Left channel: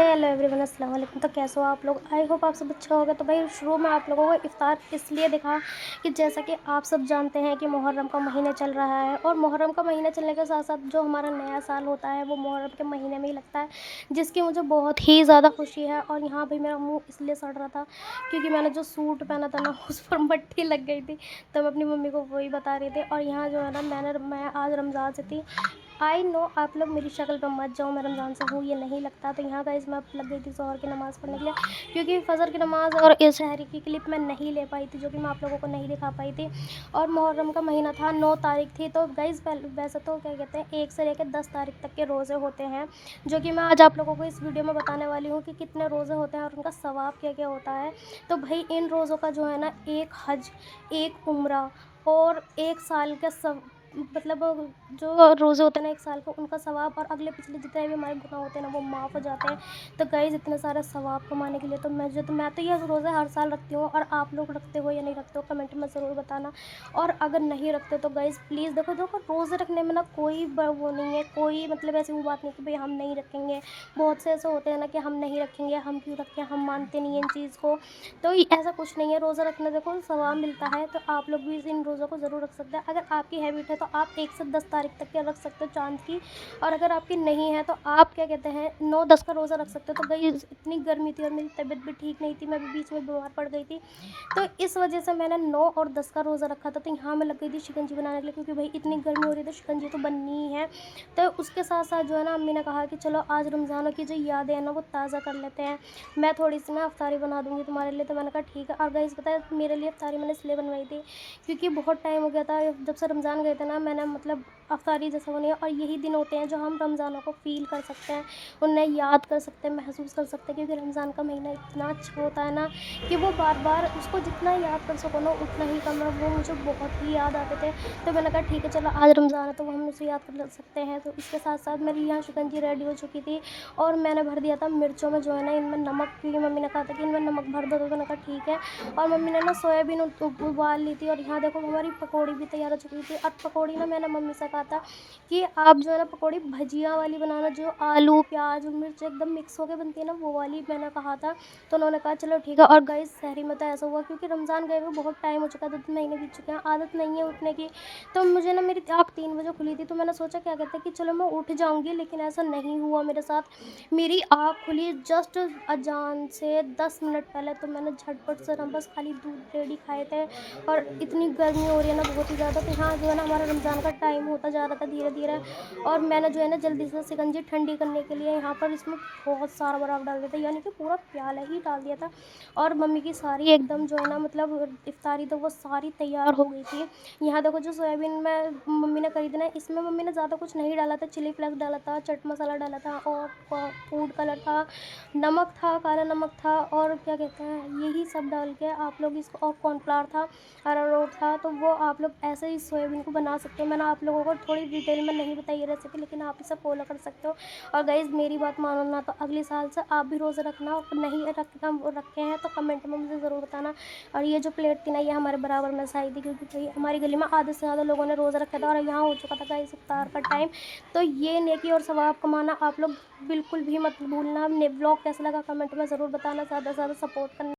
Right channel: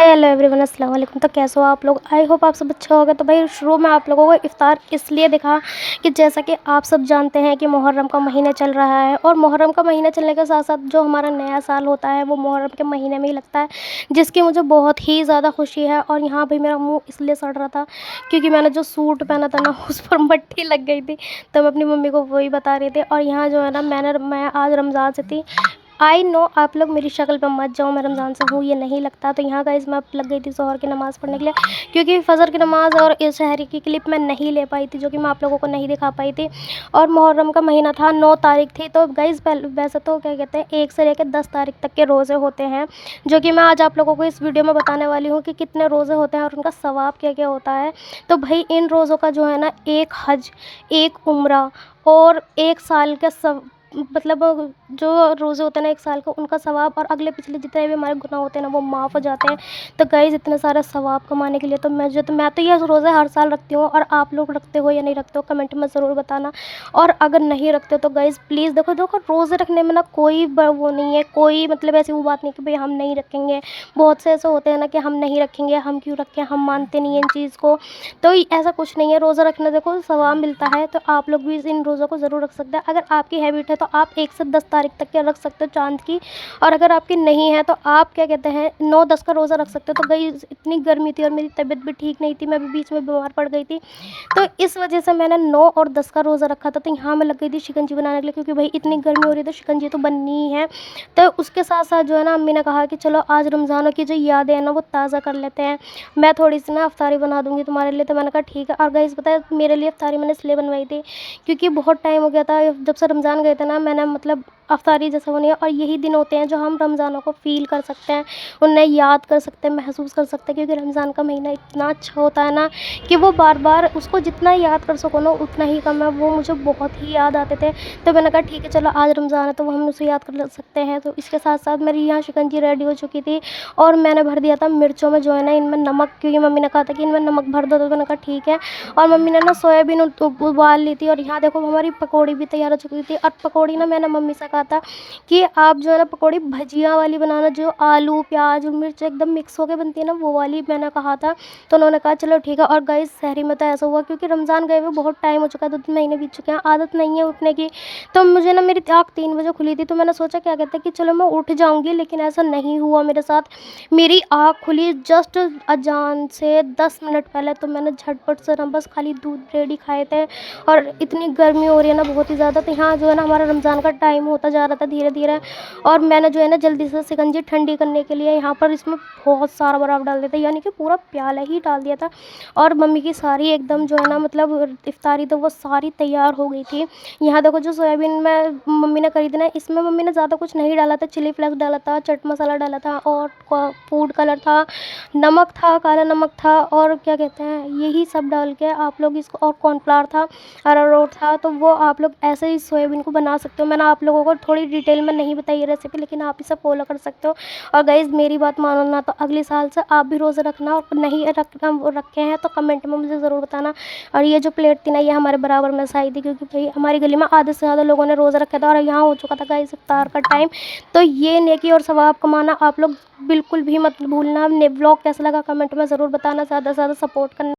Hello everyone, अस्सलाम वालेकुम। तो कैसे हो आप लोग? आई होप आप सब अच्छा होगा। तो भाई शुरू में आप लोगों को इफ़्तार इसलिए दिखा कि जैसा कि आप सब जानते हैं कि मुहर्रम का महीना चल रहा है, और मुहर्रम का महीना चलने के साथ साथ जो हमारा नया साल होता है वो मुहर्रम के महीने में ही लगता है, जिसकी मुझे बहुत ही ज़्यादा खुशी है। और यहाँ भी मेरा मुँह इसलिए सड़ रहा था क्योंकि मैंने जो सूट पहना था ना उस पर मट्टी लग गई थी। तो मैं अपनी मम्मी को वही बता रही थी। और यहाँ जो है ना मैं आज रमज़ान से थी। आई नो आप लोग मेरी शक्ल पे मत जाओ, मैं रमज़ान से हूँ ये नहीं लगता। तो यहाँ गाइस मैं अब लग गई थी ज़ोहर की नमाज़ पढ़ने के लिए, क्योंकि फ़जर की नमाज़ और इस शहरी की क्लिप मैं नहीं ले पाई थी, जो कि मैं आप लोगों को नहीं दिखा पाई थी। और मुहर्रम का महीना था, 9 तारीख थी। तो गाइस वैसे तो क्या कहते हैं 1 से लेकर 10 तारीख तक के रोज़े होते हैं, जो कि मैं आज आप लोगों को इस वीडियो में बताने वाली हूँ कि कितने रोज़े होते हैं और उनका सवाब क्या क्या होता है। तो भाई इन रोज़ों का जो है ना, एक हज, एक उम्रा और 1 साल का सब मतलब जो रोज़े होते हैं ना 1 साल का, उनका सवाब और अगले पिछले जितने भी हमारे गुनाह होते हैं ना वो माफ़ हो जाते हैं। तो गाइस इतने सारे सवाब कमाने के लिए तो मैं तो ये रोज़े हर साल रखती हूँ। और आप लोग रखते हो या नहीं रखते हो कमेंट में ज़रूर बताना। और अगर नहीं रखते हो तो गाइस प्लीज़ देखो देखो रोज़े रखने में ना कोई वो नहीं है, कोई मतलब ऐसी वो बात नहीं कि भाई हम नहीं रखेंगे। बहुत से ऐसे होते हैं ना कि हम नहीं रखेंगे, हम क्यों रखें, हम मानते नहीं हैं इन चीज़ को। तो ऐसा कुछ नहीं है, रोज़ा रखना देखो सवाब मिलता है। तो आप लोग भी इन रोज़ों को ज़रूर रख सकते हैं। अगर आपकी हैबिट है तो आप 1 से 10 तारीख तक के रख सकते हो चाँद की। और अगर आपकी नहीं है तो आप क्या कहते हैं 9-10 का रोज़ा रख सकते हो। तो गाइस इतनी गर्मी थी और मेरी तबीयत भी ठीक नहीं थी, मैं भी बीच में बीमार पड़ गई थी। तो इस वजह से मैंने 9 और 10 का रोज़ा रखा था। तो यहाँ मैं लग गई थी शिकंजी बनाने के लिए, क्योंकि भाई इतनी गर्मी हो रही है तो शिकंजी तो बननी ही है। तो उसके साथ साथ जो है ना अम्मी ने कहा कि चलो आज रमज़ानों की जो यादें हैं ना वो ताज़ा कर लेते हैं, मैं थोड़ी सी ना अफ्तारी बना दूँगी तुम्हारे लिए। तो मैंने कहा ठीक है। और गाइस पता है मेरे लिए अफ्तारी मैंने इसलिए बनवाई थी क्योंकि बहुत टाइम हो गया था जब से रमज़ान गए थे ना, मैंने मतलब अफ्तारी जैसे होनी है। और यही दिन होते हैं जो हम रमज़ानों को फ़ील कर सकते हैं, उन्हें याद कर सकते हैं, महसूस कर सकते हैं। क्योंकि रमज़ान का महीना इतना अच्छा होता है ना कि वो बार बार उसको जितना याद कर सको ना उतना ही कम है। वो मुझे बहुत ही याद आते थे। तो मैंने कहा ठीक है चलो आज रमज़ान है तो वो हम उसे याद कर सकते हैं। तो इसके साथ साथ मेरी यहाँ शिकंजी रेडी हो चुकी थी। और मैंने भर दिया था मिर्चों में जो है ना इनमें नमक, क्योंकि मम्मी ने कहा था कि इनमें नमक भर दो। तो मैंने कहा ठीक है। और मम्मी ने ना सोयाबीन उबाल ली थी। और यहाँ देखो हमारी पकौड़ी भी तैयार हो चुकी थी। और पकौड़ी ना मैंने मम्मी से कहा था कि आप जो है ना पकौड़ी भजिया वाली बनाना, जो आलू प्याज और मिर्च एकदम मिक्स होकर बनती है ना वो वाली, मैंने कहा था। तो उन्होंने कहा चलो ठीक है। और गाइस शहरी में तो ऐसा हुआ क्योंकि रमज़ान गए हुए बहुत टाइम हो चुका है, 2-3 महीने बीत चुके हैं, आदत नहीं है उठने की। तो मुझे ना मेरी आँख 3 बजे खुली थी। तो मैंने सोचा क्या कहते हैं कि चलो मैं उठ जाऊँगी, लेकिन ऐसा नहीं हुआ मेरे साथ। मेरी आँख खुली जस्ट अजान से 10 मिनट पहले। तो मैंने झटपट से ना बस खाली दूध रेडी खाए थे। और इतनी गर्मी हो रही है ना बहुत ही ज़्यादा। तो यहाँ जो है ना हमारा रमज़ान का टाइम होता जा रहा था धीरे धीरे। और मैंने जो है ना जल्दी से शिकंजी ठंडी करने के लिए यहाँ पर इसमें बहुत सारा बर्फ़ डाल दिया था, यानी कि पूरा प्याला ही डाल दिया था। और मम्मी की सारी एकदम जो है ना मतलब इफ्तारी तो वो सारी तैयार हो गई थी। यहाँ देखो जो सोयाबीन में मम्मी ने करी थी ना, इसमें मम्मी ने ज़्यादा कुछ नहीं डाला था, चिली फ्लेक्स डाला था, चाट मसाला डाला था और फूड कलर था, नमक था, काला नमक था, और क्या कहते हैं यही सब डाल के आप लोग इसको, और कॉर्नफ्लावर था, अरारोट था। तो वो आप लोग ऐसे ही सोयाबीन को बना सकते हो। मैंने आप लोगों को थोड़ी डिटेल में नहीं बताई रेसिपी, लेकिन आप इसे फॉलो कर सकते हो। और गाइज़ मेरी बात मानो ना तो अगले साल से आप भी रोज़ा रखना, और नहीं रखना रखे हैं तो कमेंट में मुझे ज़रूर बताना। और ये जो प्लेट थी ना ये हमारे बराबर में से आई थी, क्योंकि भाई हमारी गली में आधे से ज़्यादा लोगों ने रोज़ा रखा था और यहाँ हो चुका था गाइस इफ्तार का टाइम। तो ये नेकी और सवाब कमाना आप लोग बिल्कुल भी मत भूलना। व्लॉग कैसा लगा कमेंट में ज़रूर बताना, ज़्यादा से ज़्यादा सपोर्ट करना।